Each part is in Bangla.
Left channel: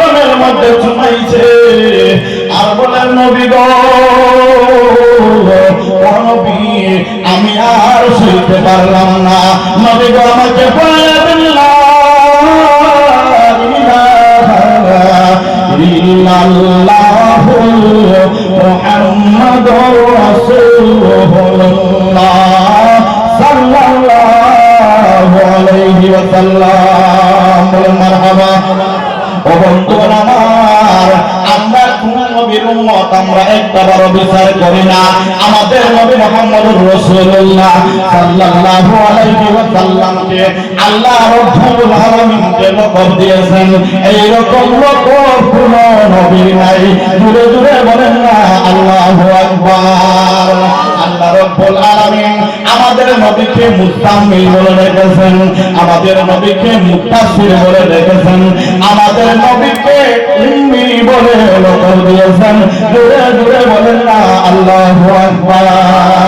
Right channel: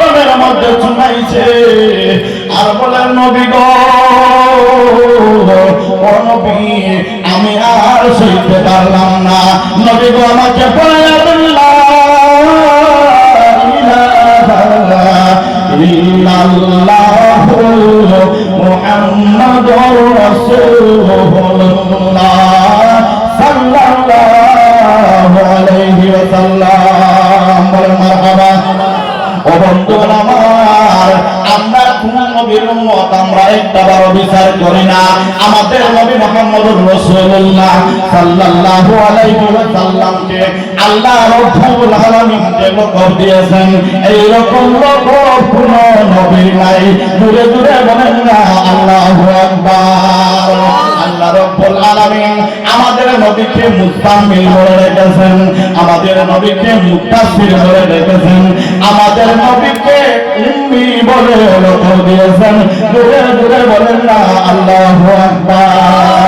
গজলের মধ্যে শুনাইছে আর বলেন, নবী গ আমি আর শুনতে পারলাম না। নবী গো, আমাকে আল্লাহ রব্বুল আলামিন যেন লকব দিয়েছেন এই রকম লকব কোন নবীর নাই। দূরে দূরে বলেন না, আল্লাহু আকবার। আল্লাহ রব্বুল আলামিন আমাদের নবীকে মুস্তামিল বলে রেখেছেন, আমাদের নবীকে মুক্তাসির বলে রেখেছেন, আমাদের নবীকে উম্মি বলে লকব দিয়েছেন। দূরে দূরে বলেন না, আল্লাহু আকবার।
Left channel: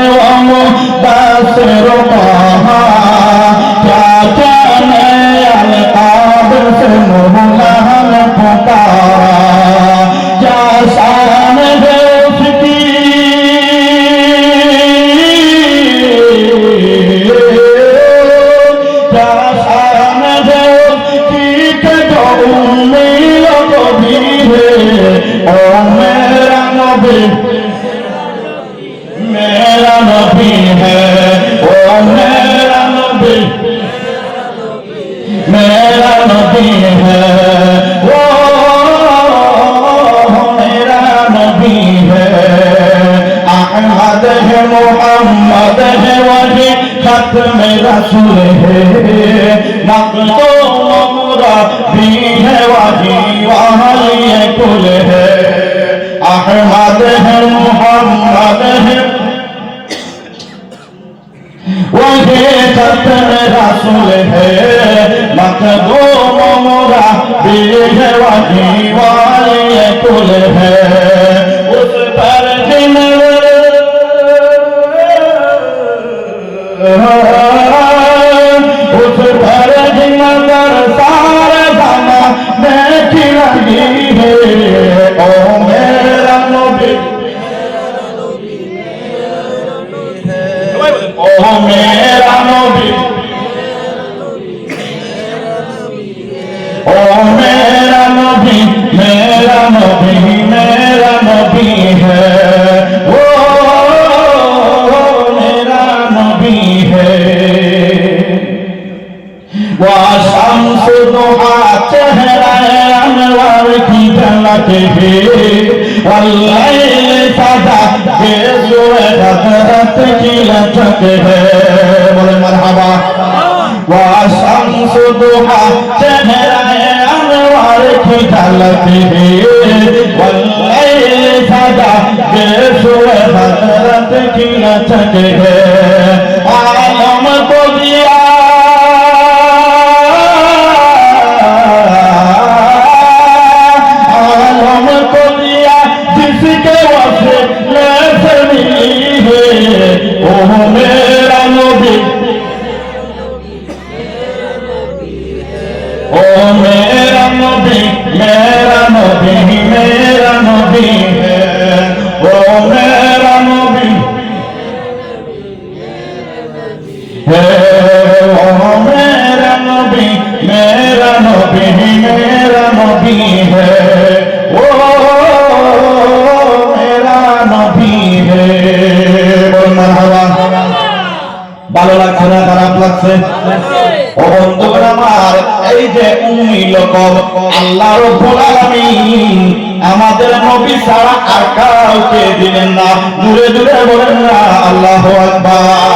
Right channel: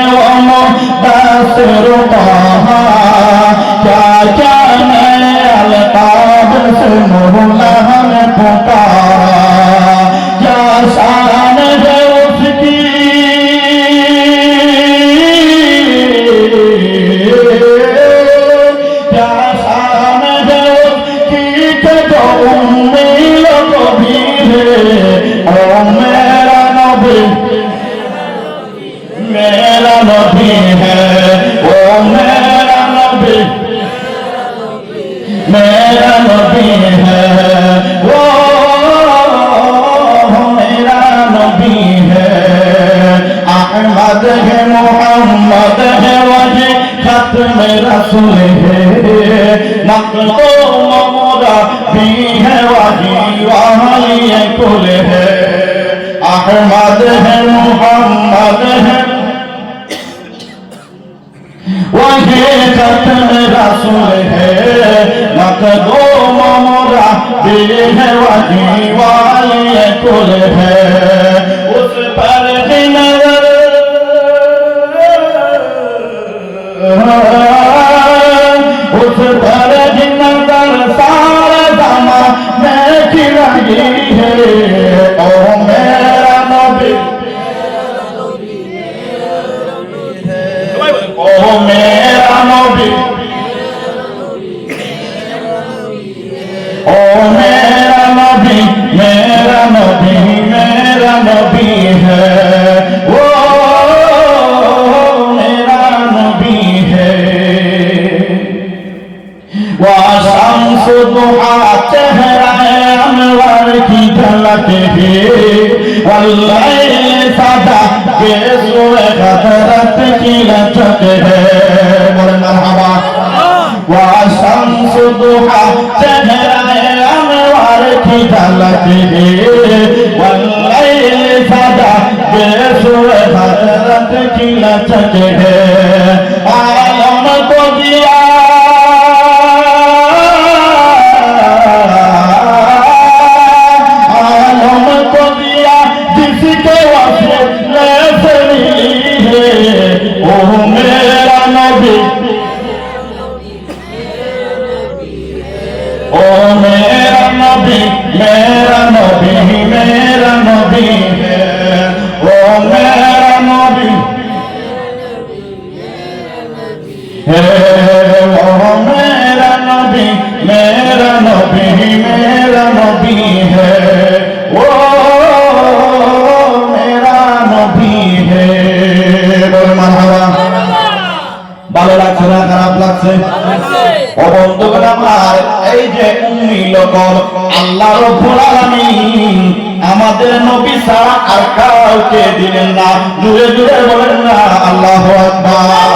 কাউকে দিলেন না জুড়ে জুড়ে বলেন না, আল্লাহু আকবার।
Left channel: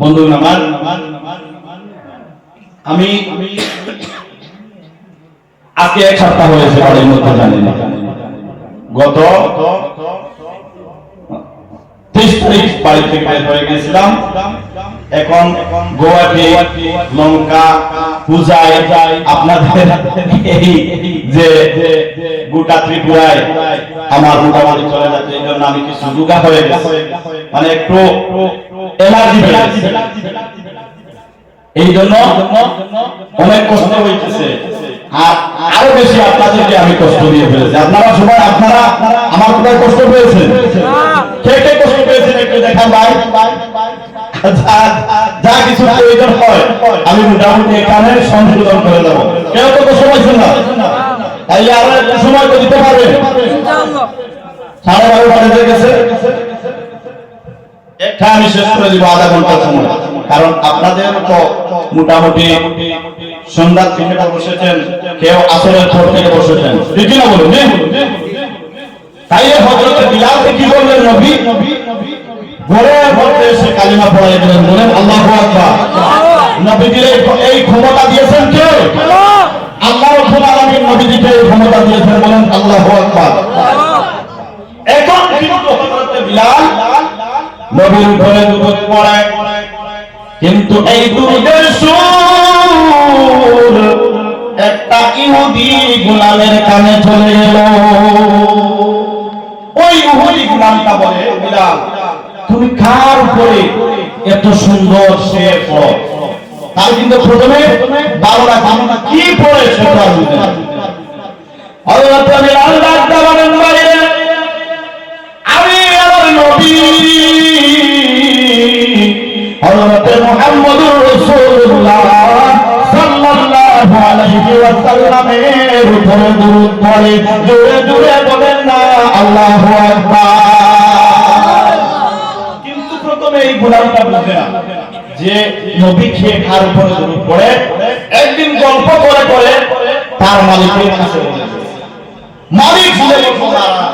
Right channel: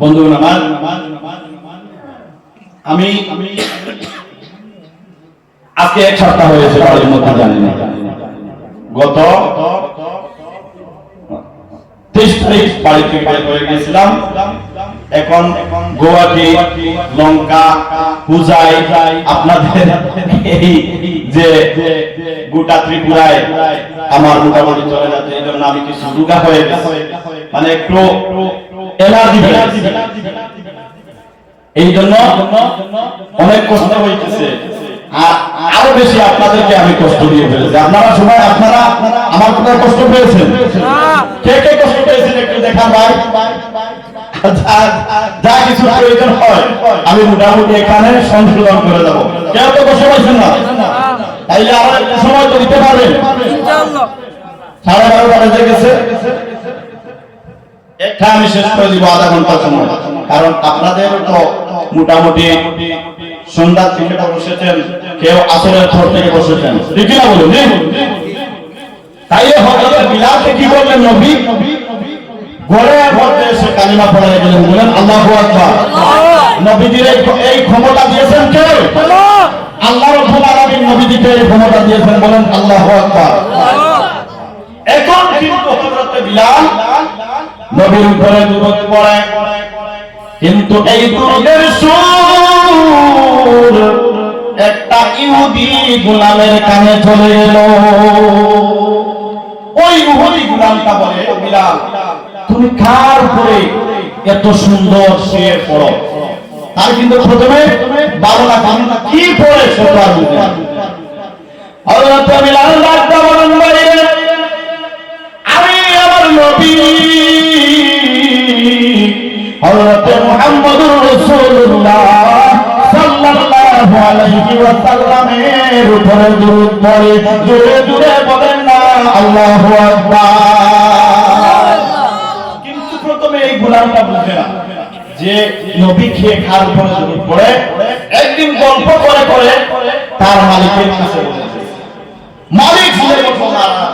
বন্ধুগণ আমার, আমি, আজকে এক সপ্তাহ হয়েছে বাড়ির মধ্যে জানি না। গত তেইশ তারিখ বাড়ি থেকে বের হয়ে গেছিলাম। এখন গুয়াহাটি, লঙ্কা, পূজায় আপনাদের এই যে গোটা ত্রিপুরায় আমার মোটামুটি চলে যাচ্ছে, এই জন্য আমি কিছু রুগা হয়ে গেছি। মানে একটু এলার্জি। এই জন্য অনেক কষ্ট হইতেছে। আর বেশি আপনাদেরকে আমি কষ্ট দিয়ে ফেলেছি। আপনারা সবাই, আপনারা আমার কোথায় কষ্ট পেয়েছেন? কে কে কষ্ট পেয়েছেন একটু দেখা ভাই। যা কিছু প্রয়োজন হয়, আমি মোটামুটি এখানে সংশোধন করে দেবো। কেউ তো কষ্ট পাইছেন না? তাইলে আমার একটু সময় তো দিতে পারবেন। গেছে। একটা আমি শেষ করে দিব আধা ঘণ্টা সময়। কারণ আপনাদের তো মোটামুটি সন্ধ্যার থেকে বসেছেন কেউ আসরের পর থেকে বসেছেন। ঠিক না বলুন? তাইলে কি করলেন নবী? এসে কালিমা গেলেন বলেন আল্লাহু আকবার। নবীজির এই- এই ক্ষমতা দিয়েছেন কে? আল্লাহ রাব্বুল আলামিন নবীজিকে এই ক্ষমতা দিয়েছেন বলেন আল্লাহু আকবার। এখন কিন্তু হযরত বিলাল। নবীর দুরূদ পড়ে। কিন্তু এই সুর একটা ইহুদি গোলামের কানে চলে এলো। ওই ইহুদি গোলামটা বলে বিলাল, তুমি কার উপরে এত সুন্দর সে পড়ো? তার কিন্তু প্রথমে বাংলা বাংলা কি পড়ে সে তো আর বুঝে না। হযরত বিলাল ডাকতে বলেন বাইরে আমি আমার কিন্তু প্রথমে এই গোলামটা যে নবী খেয়ে খার উপরে একদিন গল্প করে তার মালিকের মালিক মুসলমান।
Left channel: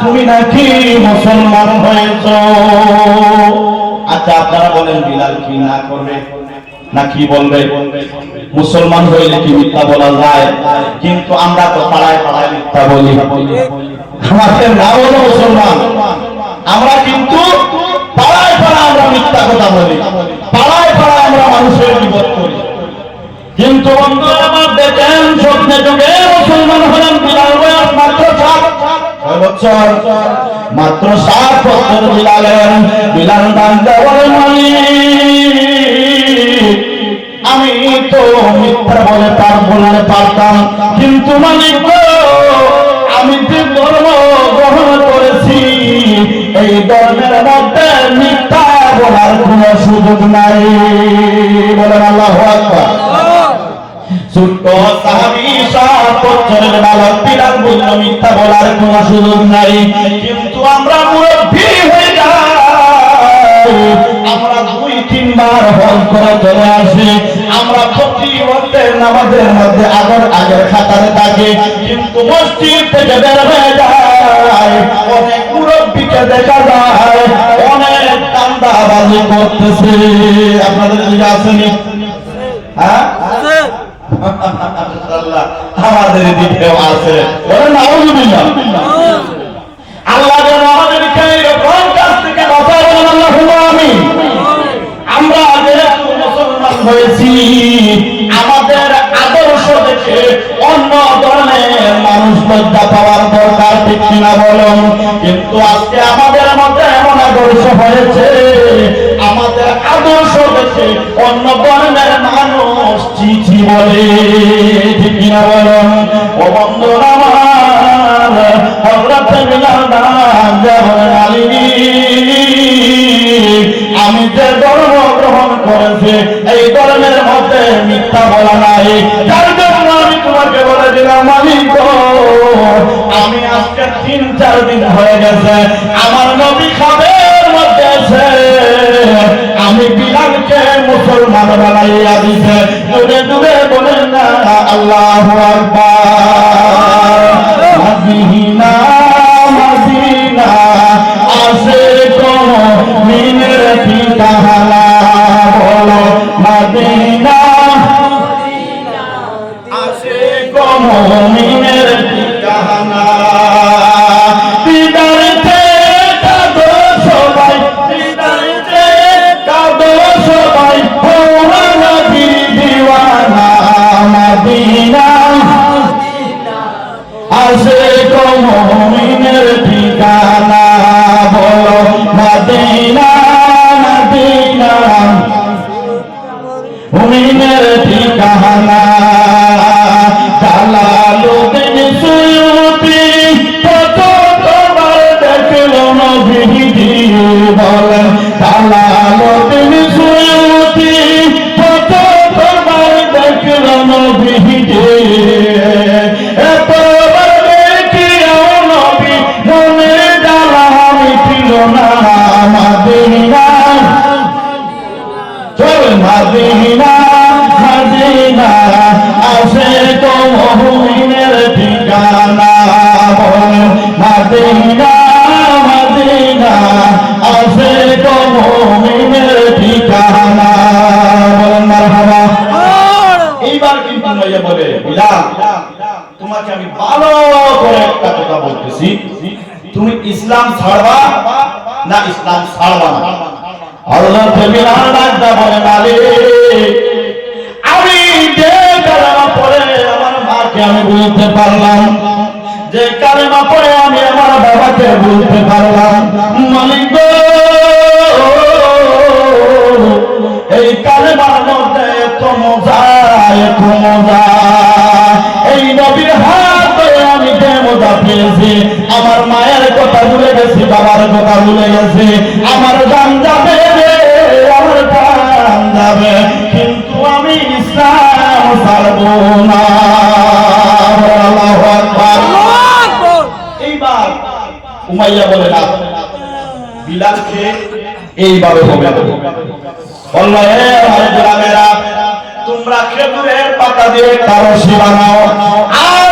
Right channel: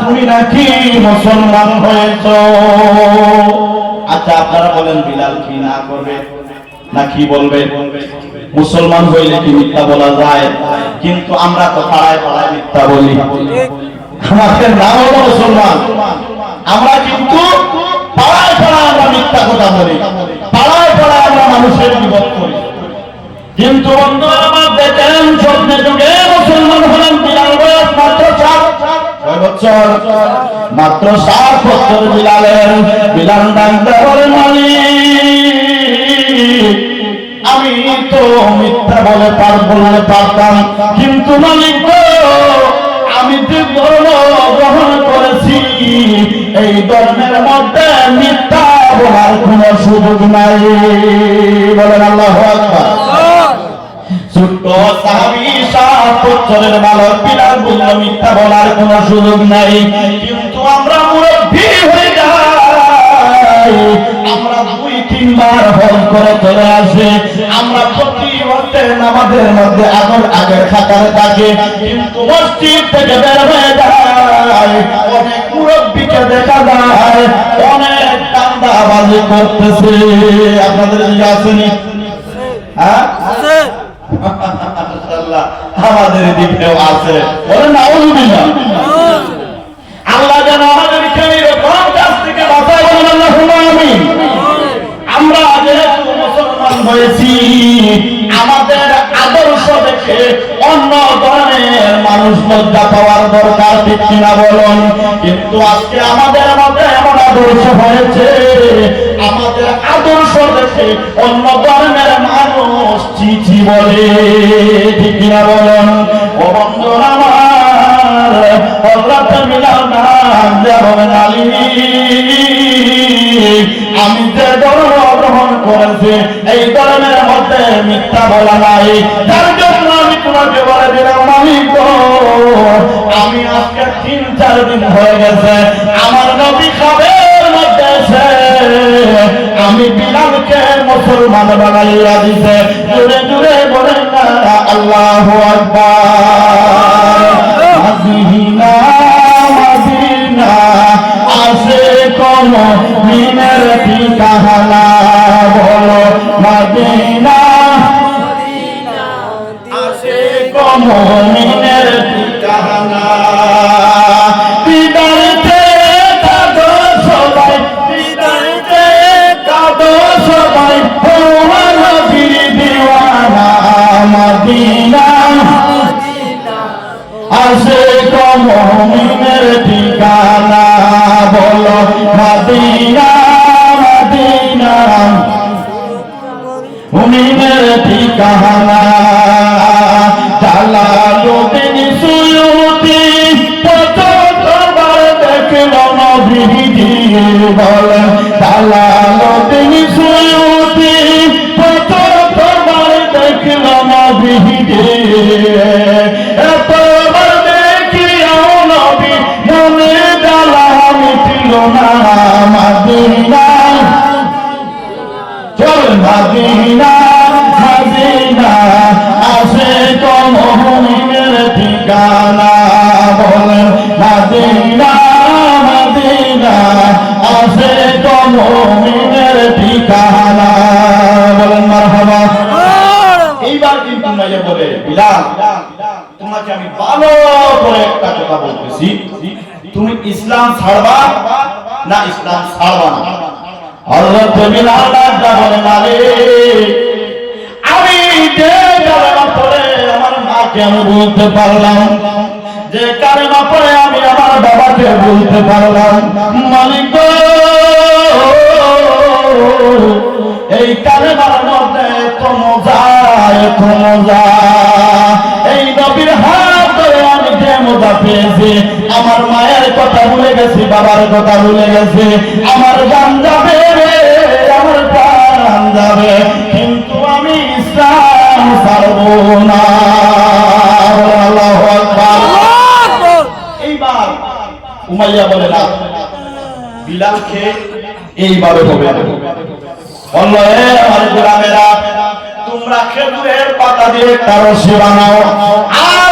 তুমি নাকি মুসলমান হয়েছ? আচ্ছা আপনারা বলেন, বিলাল কি না করবে না কি বলবে? মুসলমান হইলে কি মিথ্যা বলা যায়? কিন্তু আমরা তো পাড়ায় পাড়ায় মিথ্যা বলি। আমাদের না হলো মুসলমান। আমরা কিন্তু পাড়ায় পাড়ায় আমরা মিথ্যা কথা বলি। পাড়ায় পাড়ায় আমরা মানুষের বিপদ করি। কিন্তু বন্ধু আমার দেখেন, স্বপ্নে যুগে বছর, মাত্র সাত বছর বিলালের বিলাল ডাক্তার আমি তো মিথ্যা বলে পার বলতে পারতাম। কিন্তু মালিক আমি যে ধর্ম গ্রহণ করেছি, এই ধর্মের মধ্যে মিথ্যা বলার কোন সুযোগ নাই। বলেন আল্লাহ আকবার। ছোট্ট মধ্যে আগর আগের খাতারে থাকি। কিন্তু মসজিদ থেকে বের হয়ে যায় অনেক মুরব্বীকে দেখা যায়, অনেক দান্দাবাজি করতেছে। আপনাদের দিকে আসেনি? হ্যাঁ? আমাদের দিকেও আছে। বলেন আল্লাহ আমাদের আদর্শ দেখে অন্য ধরনের মানুষ লজ্জা আজকে আমাদের এমন আদর্শ হয়েছে, আমাদের আদর্শ দেখে অন্য ধরনের বলে বলুন? ও আমি যে ধর্ম গ্রহণ করেছি, এই ধর্মের মধ্যে মিথ্যা বলা নাই। যার জন্য আমি তোমাকে বলে দিলাম আমি আজকে তিন চার দিন হয়ে গেছে, আমার নবী খাবের মদিনা চল মদিনা মদিনা আসে তো মহিনের ঠিকানা বল মদিনা মদিনা আসে তো এইবার কিন্তু মাইয়া বলে বিলাল তোমাকে আমি ভালো করে একটা কথা বলতেছি তুমি ইসলাম ছাড়বা না ইসলাম ছাড়বা না। হযরত বিলাল ডাকটা বলে, মালিক, আমি যে কালেমা পড়ে আমার মাকে আমি বলতে পারলাম। যে কালেমা পড়ে আমি আমার বাবাকে বলতে পারলাম। বাবার কথা ভুলে গেছি, আমার গান যাবে, আমার প্রাণ যাবে, কিন্তু আমি ইসলাম ছাড়বো না। উমাইয়া বলে, না, বিলালকে এইভাবে হবে বলল হে আমার তোমরা খেজুরের পাতা দিয়ে রশি বানাও আর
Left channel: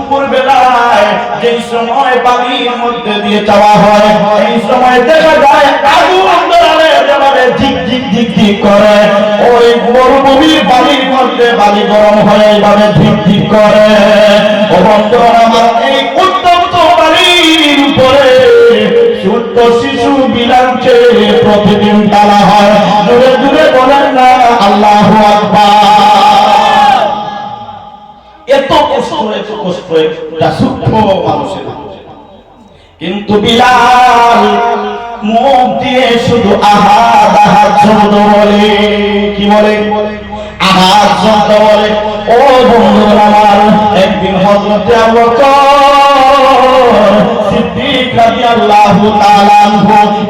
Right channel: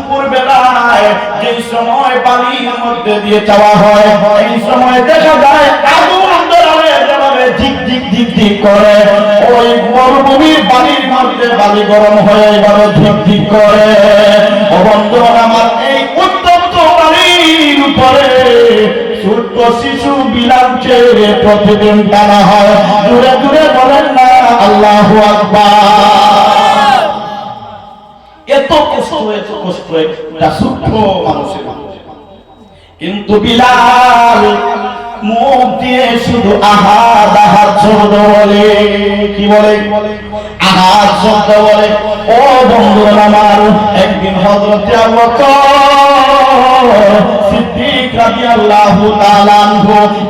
যেই সময় বালির মধ্যে দিয়ে যাওয়া হয় এই সময় দেখা যায় আগুন করে, ওই মরুভূমির বালির মধ্যে বালি গরম করে। ও বন্ধুরা আমার এই বালির উপরে শিশু বিলাঞ্চে প্রতিদিন টানা হয়। দূরে দূরে বলেন না, আল্লাহ আকবার। এত কষ্ট এত কষ্ট কিন্তু বিলাল মুখ দিয়ে শুধু আহার আহার শব্দ বলে। কি বলে? আহার শব্দ বলে। ও বন্ধু আমার, একদিন হজরতে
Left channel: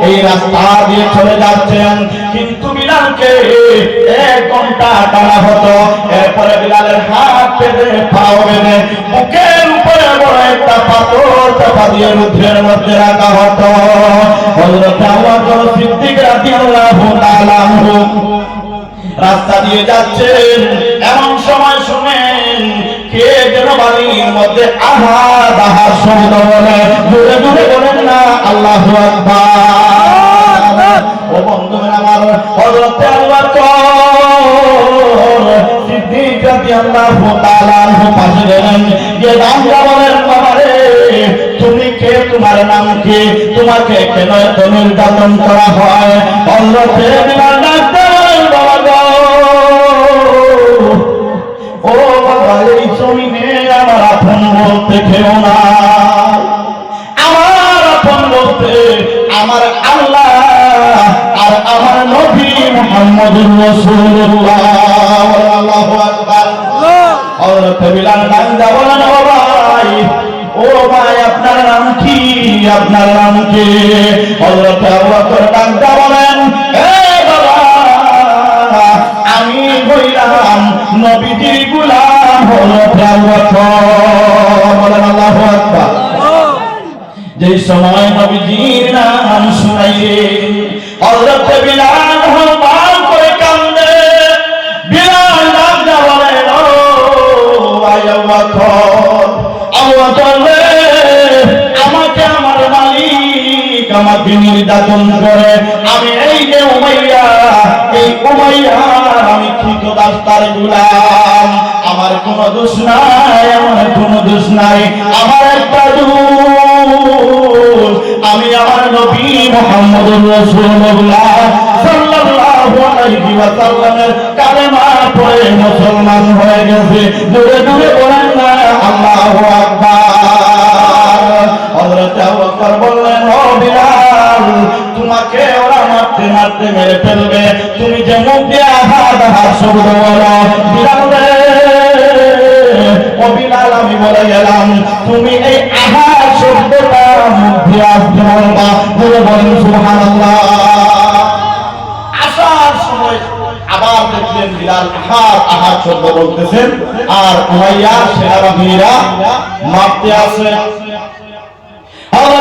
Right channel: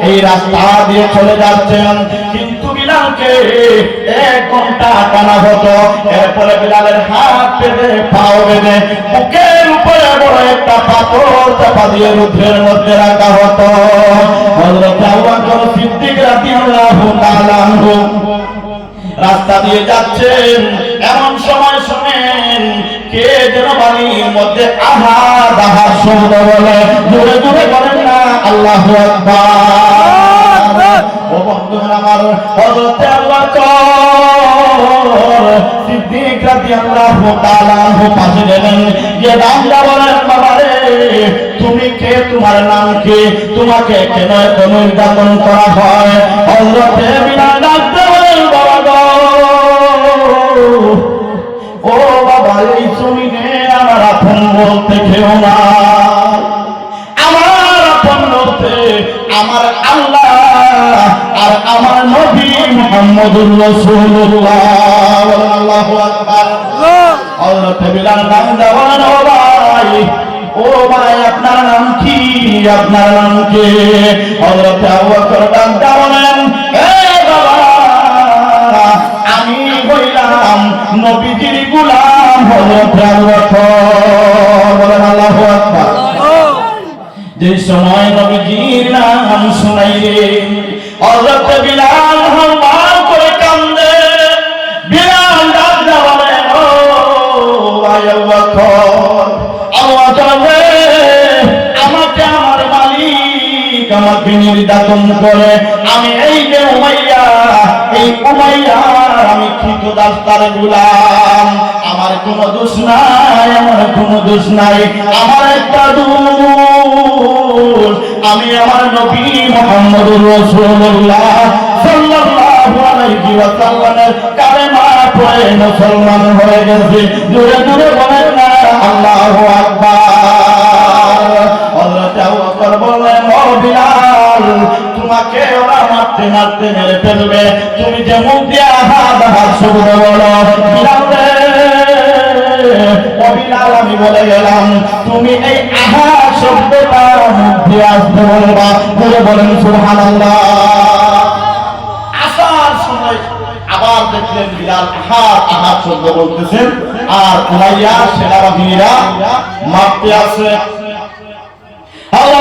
এই রাস্তা দিয়ে চলে যাচ্ছেন। কিন্তু বিলালকে এক ঘণ্টা টানা হতো। এরপরে বিলালের হাত পেতে পাও বেঁধে বড় একটা পাথর চাপা দিয়ে রুদ্রের মধ্যে রাখা হতো। রাস্তা দিয়ে যাচ্ছেন, এমন সময় শুনেন, কে যেন বাড়ির মধ্যে আহা দাহা শব্দ বলে দূরে দূরে বলেন না, আল্লাহ ও তোমার নাম কি তোমাকে কেন এত নির্যাতন করা হয়? কি হযরত আবু বকর বান্দা বলেন আমি হইলাম নবীজির গোলাম হযরত আবু বকর। বলেন আল্লাহু আকবার। যে সময় নবীজির নাম শুনাইলেন, হযরত বিলাল হাওমাও করে কান্দে। বিলাল নাম বলেন ও আবু নির্যাতন করে, আমি এই যে উমাইয়া এই উমাইয়া আমি ঠিক রাস্তার গুলাম। আমার কোনো দোষ নাই, আমার কোনো দোষ নাই, আমার একটা দোষ। আমি আমার নবী মুহাম্মদুর রাসূলুল্লাহ সাল্লাল্লাহু আলাইহি ওয়াসাল্লামের কালেমা পড়ে মুসলমান হয়ে গেছে। মারতে মারতে মেরে ফেলবে। তুমি যে মুখ দিয়ে আহার আহার শব্দ বলো আর সেনাবাহিনীরা আবু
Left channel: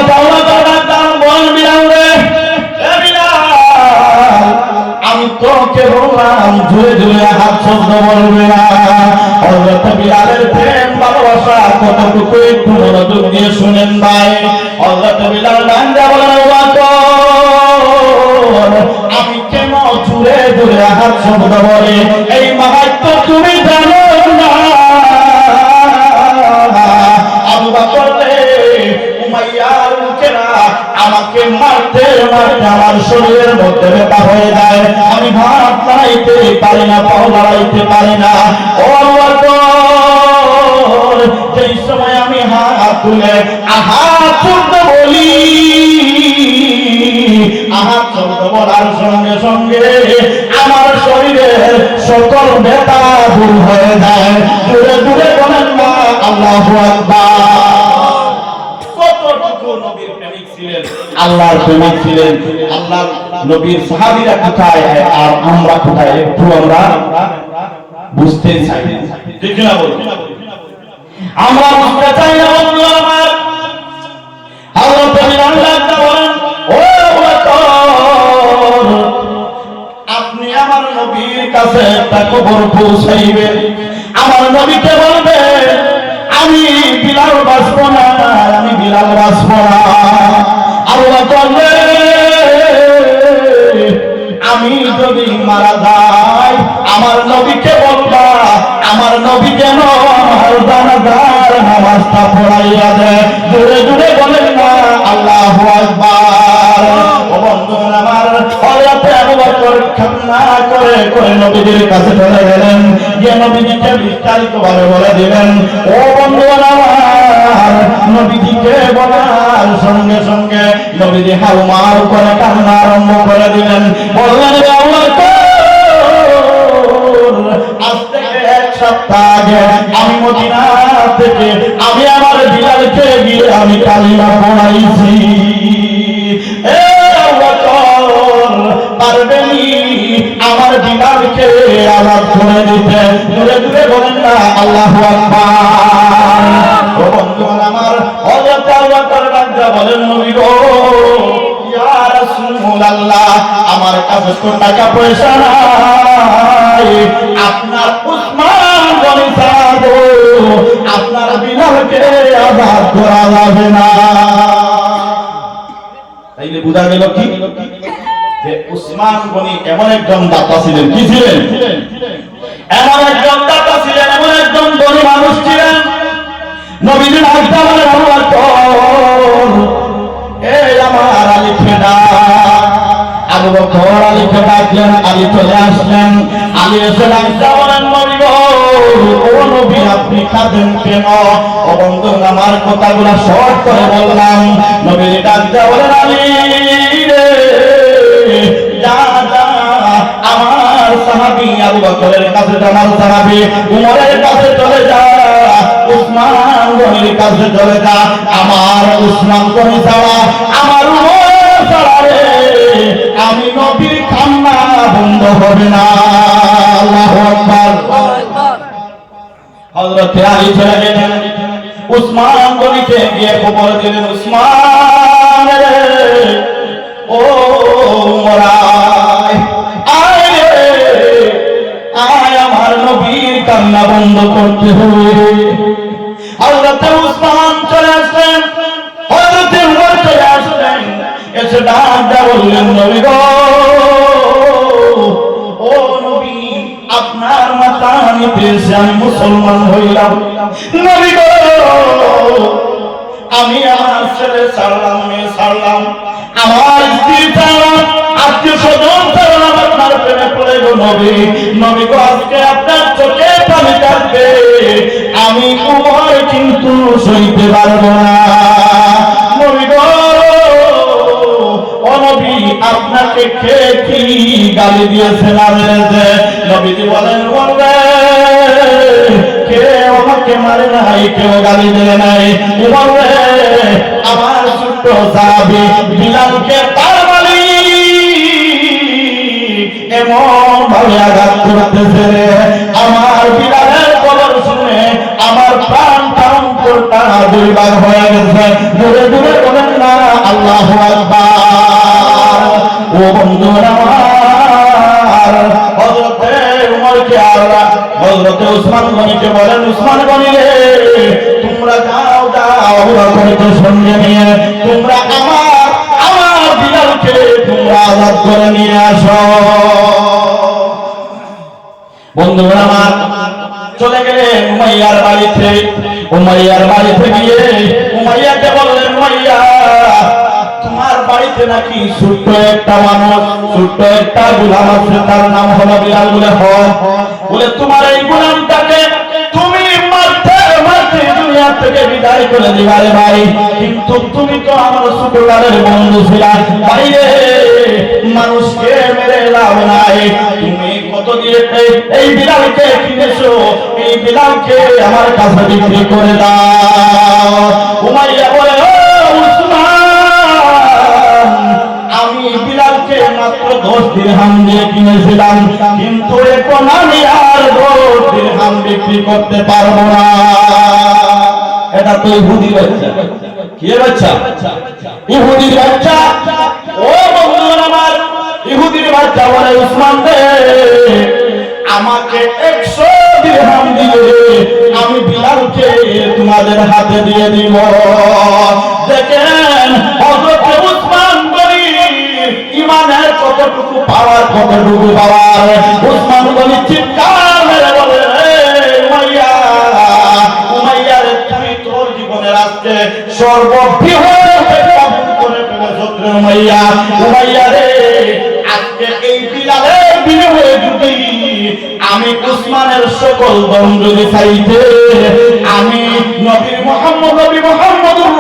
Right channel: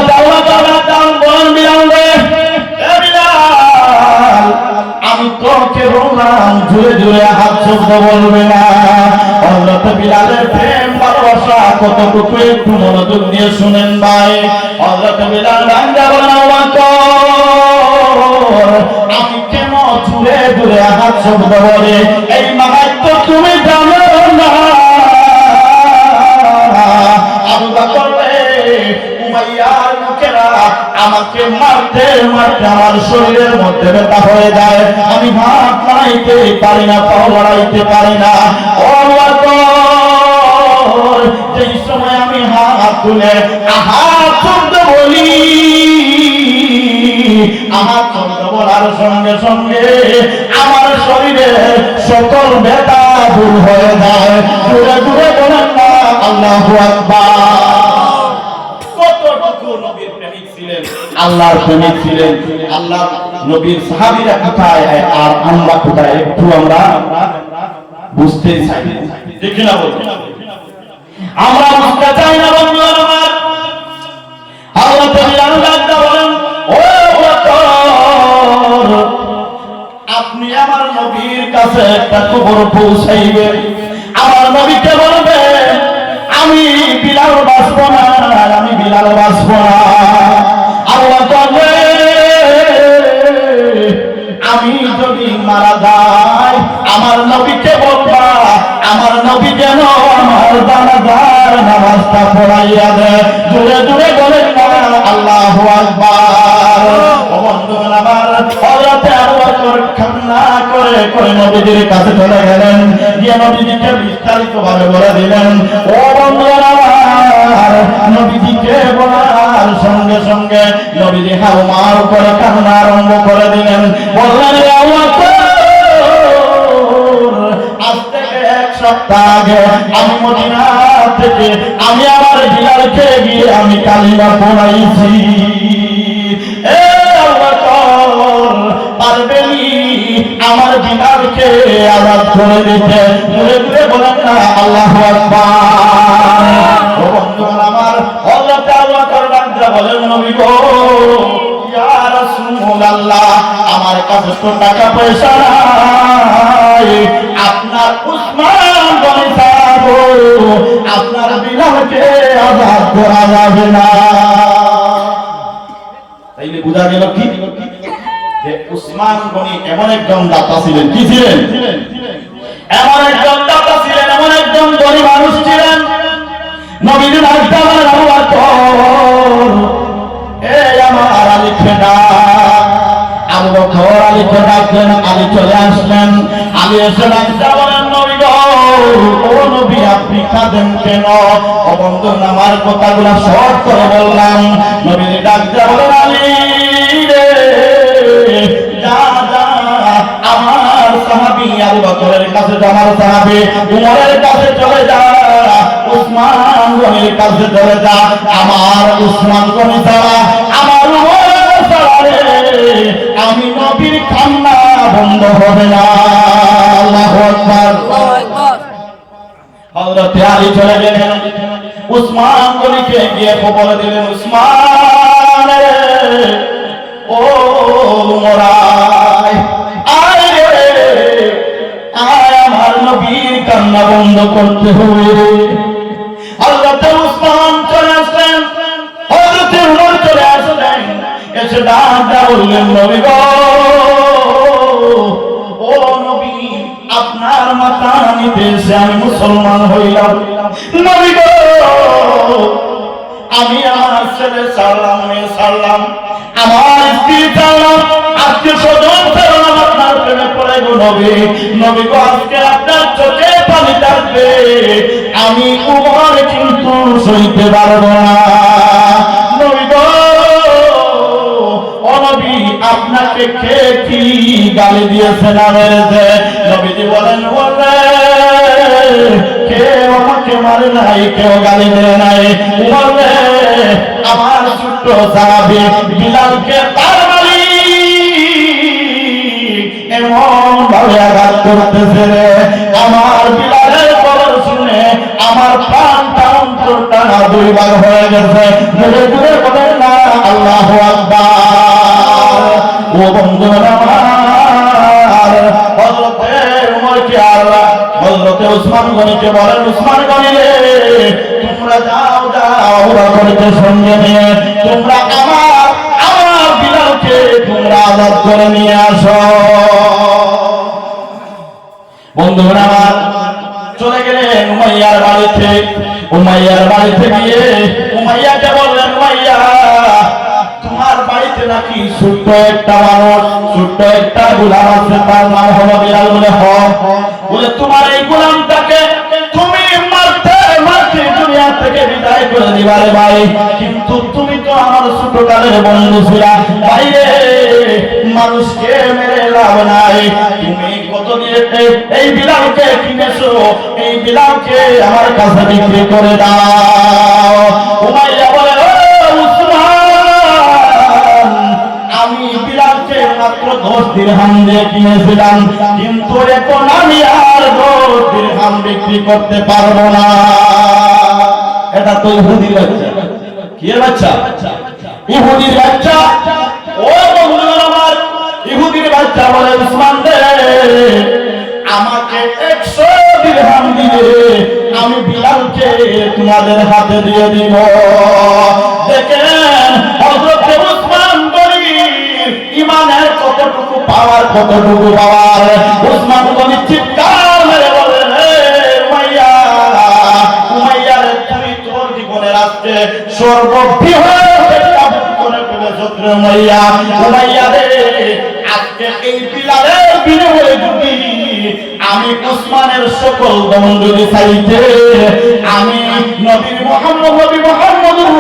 আমি তোকে বললাম জুড়ে জুড়ে হাত শব্দ বলবে না। হযরত বিলালের প্রেম, ভালোবাসা, কতটুকু একটু মনোযোগ দিয়ে শুনেন ভাই। হযরত বিলাল গান্দা বলেন আমি কেমন জুড়ে জুড়ে হাত শব্দ বলে? এই মাহাত্ম তুমি জানো না। আবু বকর উমাইয়ার লোকেরা আমাকে মারতে আমার শরীরের মধ্যে ব্যথা হয়ে যায়। আমি ভাত বানাইতে পারি না পাও বাড়াইতে পারি না। সময় আমি হাত তুলে আহা বলি আহা শব্দ বলার সঙ্গে সঙ্গে আমার শরীরে সকল ব্যথা দূর হয়ে যায়। দূরে দূরে বলেন আল্লাহু কতটুকু নবীর প্রেমিক ছিলেন আল্লাহর প্রেমিক ছিলেন। আল্লাহর নবীর সাহাবীরা কোথায়? আর আমরা কোথায়? একটু আমরা বুঝতে চাই। ঠিক না আমরা বুঝতে চাই না আপনি আমার নবীর কাছে একটা খবর পৌঁছাইবেন। আমার নবীকে বলবেন, আমি বিলাল বাসব না, আমি বিলাল বাসব না। যদি মারা যায়, আমার নবীকে বলবা, আমার নবী কেন আমার দানাদার নামাজটা পড়াইয়া দেয়। দূরে দূরে বলেন না, আল্লাহ আকবার। বন্ধুগণ আমার হজরতে আবু বকর কান্না করে করে নবীজির কাছে চলে গেলেন। গিয়ে নবীজিকে বিস্তারিত ভাবে বলে দিলেন। ও বন্ধুগণ নবীজিকে বলার সঙ্গে সঙ্গে নবীজি হাওমার উপরে কান্না আরম্ভ করে দিলেন। বললেন আমি আমার বিলালকে গিয়ে আমি কালিমা পড়াইছি। আমার বিলালকে আজাদ করে দিতে। বলেন না, আল্লাহ আকবার। আমার কাছে তো টাকা পয়সা নাই। আপনার উসমান গনি আপনার বিনাকে আবাদ করা যাবে না। তাইলে বোঝা গেল কি? যে উসমান গনি এমন একজন দাতা ছিলেন। কি ছিলেন? এমন একজন দাতা ছিলেন, এমন একজন গরিব মানুষ ছিলেন। নবীজির হাতে আবু বকর আলীকে ডাকলেন আলী চলে আসলেন। আলী এসে ডাকতে বলেন নবী আপনি কাঁদেন কেন? ও বন্ধু আমার কথাগুলো সব করে বললাম। নবীর ডাকতে বলেন আমার সাহাবী, আবু বকরের কাছে আমার সাহাবী, উমরের কাছে চলে যা, উসমান গনির কাছে চলে আমার উসমান গনি আমি নবীর কান্না বন্ধ হবে না। আল্লাহু আকবার। হযরত আলী চলে গেলেন। উসমান গনিকে গিয়ে খবর দিলেন, উসমান ও মোরাই আয় রে, আয় আমার নবীর কান্না বন্ধ করতে হবে। এসে আমি মুসলমান হইলাম। নবী আমি আমার ছেলে ছাড়লাম, মেয়ে ছাড়লাম। আমার স্ত্রী ছাড়লাম আজকে স্বজন ছাড়লাম, আপনার প্রেমে পড়ে গো নবী। নবী আজকে আপনার চোখে পানি থাকবে। আমি উমর কিন্তু সইতে পারব না। আপনাকে কে কি গালি দিয়েছে না মেরেছে? নবীজি বলেন কেউ গালি দেয় নাই। বলে আমার ছোট্ট সাহাবি বিলালকে তার এমন ভাবে আঘাত করতেছে রে। আমার বিলালের খবর শুনে আমার প্রাণটা অন্তরটা দুইবার হয়ে গেছে। দূরে দূরে বলেন না, আল্লাহ আকবার। ও বন্ধুরা হযরতে উমরকে আল্লাহ, হযরতে উসমান গনিকে বলেন, উসমান গনি রে তোমরা যাও যাও আবু সঙ্গে নিয়ে, তোমরা আমার আমার বিলালকে তোমরা আজাদ করে নিয়ে আসো। বন্ধুরা আমার, চলে গেলেন উমাইয়ার বাড়িতে। উমাইয়ার বাড়িতে গিয়ে উমাইয়াকে বললেন, উমাইয়া, তোমার বাড়িতে নাকি ছোট্ট একটা মানুষ, ছোট্ট একটা গোলাম আছে, তার নাম হলো বিলাল বলে হ বলে, তোমার এই গোলামটাকে তুমি মারতে মারতে দুনিয়া থেকে করে দিবারে ভাই কিন্তু তুমি তো আমার ছোট বন্ধু ছিলা। বাইরে মানুষকে মেরে লাভ নাই। তুমি কত দিয়ে এই বিলালকে কিনেছো। এই বিলালকে আমার কাছে বিক্রি করে দাও। উমাইয়া বলে আমি বিলালকে মাত্র দশ দিরহাম দিয়ে কিনেছিলাম। কিন্তু এখন আমি আর দশ দিরহাম বিক্রি করতে পারব না। এটা তো ইহুদি বাচ্চা। কি বাচ্চা? ইহুদির বাচ্চা? ও বন্ধুরা আমার, ইহুদির বাচ্চা বলে উসমান দে, আমাকে একশো দিরহাম দিলে আমি বিলালকে তোমাদের হাতে দিয়ে দিব। দেখেন, হযরত উসমান গনির ইমানের কতটুকু পাওয়ার কতটুকু পাওয়ার? উসমান গনি চিৎকার আমি উসমানের সকল দম চাইতে আমি নবীর মোহাম্মদ নবী মোহাম্মদুর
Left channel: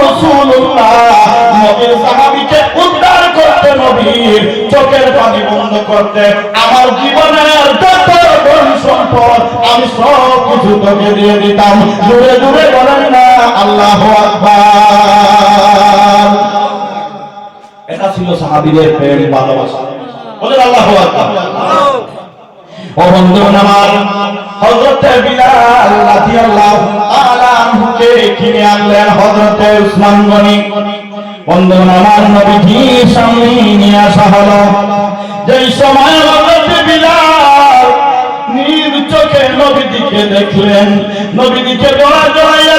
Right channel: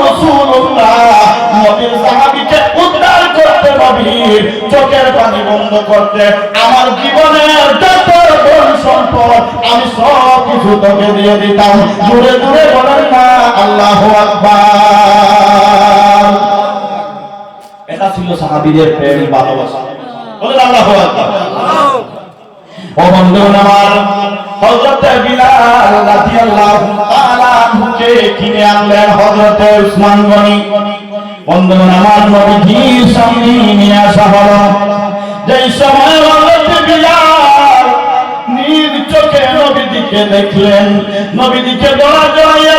নবীর সাহাবীকে উদ্ধার করতে নবীর চোখের পানি বন্ধ করতে আমার জীবনের সম্পদ আমি সব কিছু তোকে দিয়ে দিতাম। দূরে দূরে বলেন না, আল্লাহু আকবার। ছিল সাহাবীদের প্রেম, ভালোবাসা। বলেন, আল্লাহু ও আমার বিলাল রাদিয়াল্লাহু তাআলা আনহুকে কিনে আনলেন হযরত উসমান গনি। আমার সামনে নিয়ে আসা হলো। যেই সময় হযরত বিলাল চোখে নবীজিকে দেখলেন, নবীজিকে দোয়া জড়াইয়া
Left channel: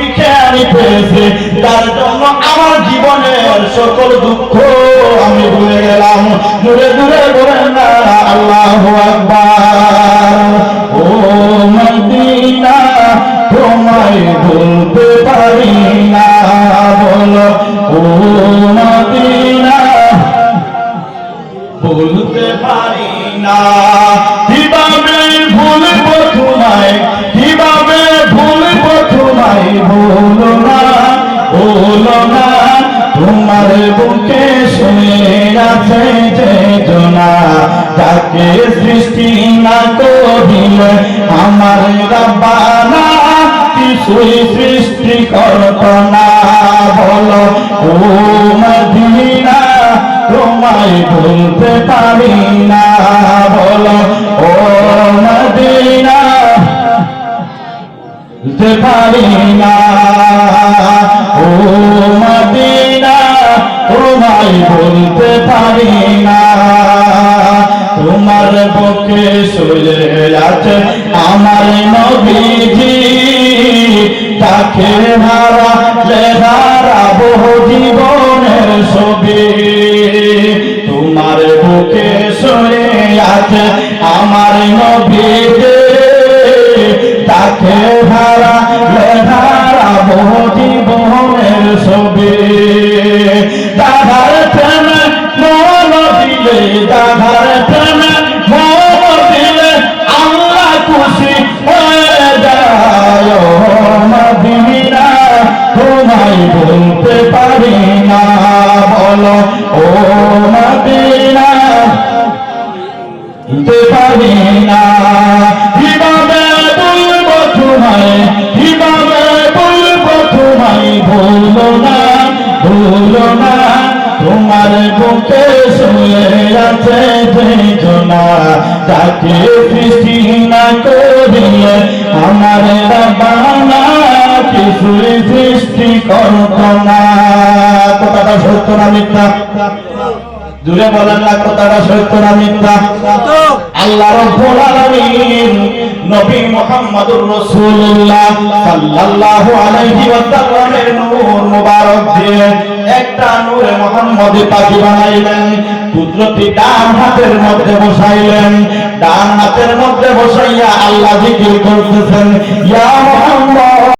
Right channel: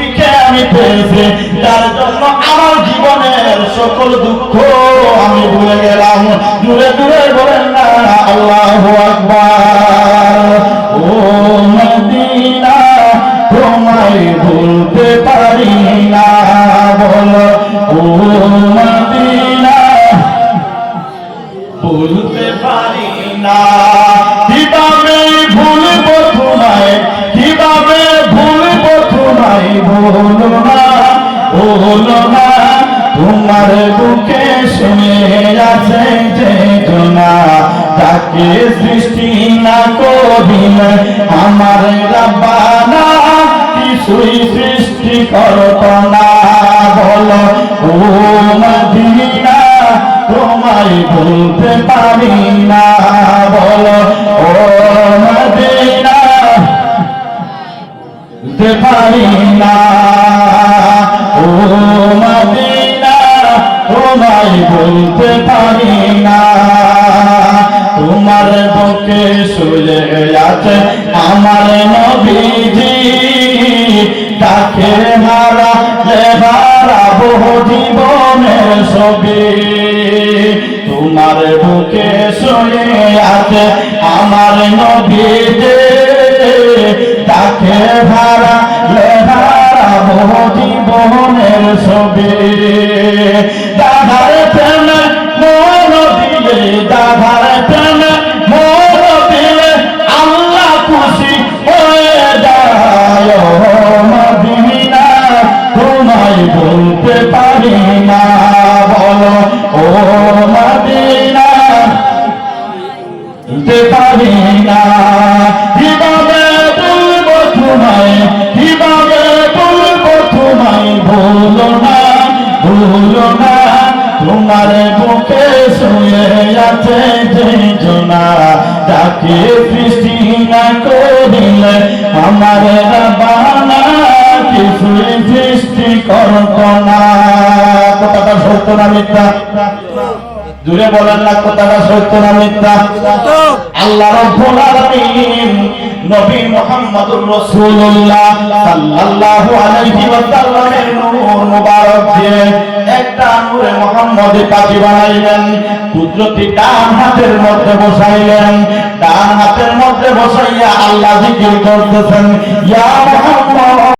নবীকে আমি পেয়েছি, তার জন্য আমার জীবনের সকল দুঃখ আমি ভুলে গেলাম। দূরে দূরে বলেন না, আল্লাহ আকবার। তাকে সৃষ্টি না করিলে আমার রাব্বানা, কিছুই সৃষ্টি করত না বলো, ও মদিনা, তোমায় ভুলতে পারি না বলো, ও মদিনা ভুলতে পারি না। ও মদিনা, তোমায় ভুলতে ছবি। তোমার বুকে শুনে আছে আমার নবীজি তাকে হারা বহু জীবনের ছবি। মদিনা আল্লাহ হাতের মধ্যে বসাইলেন ডান হাতের মধ্যে বসাইয়া আল্লাহ করতেছেন ইয়া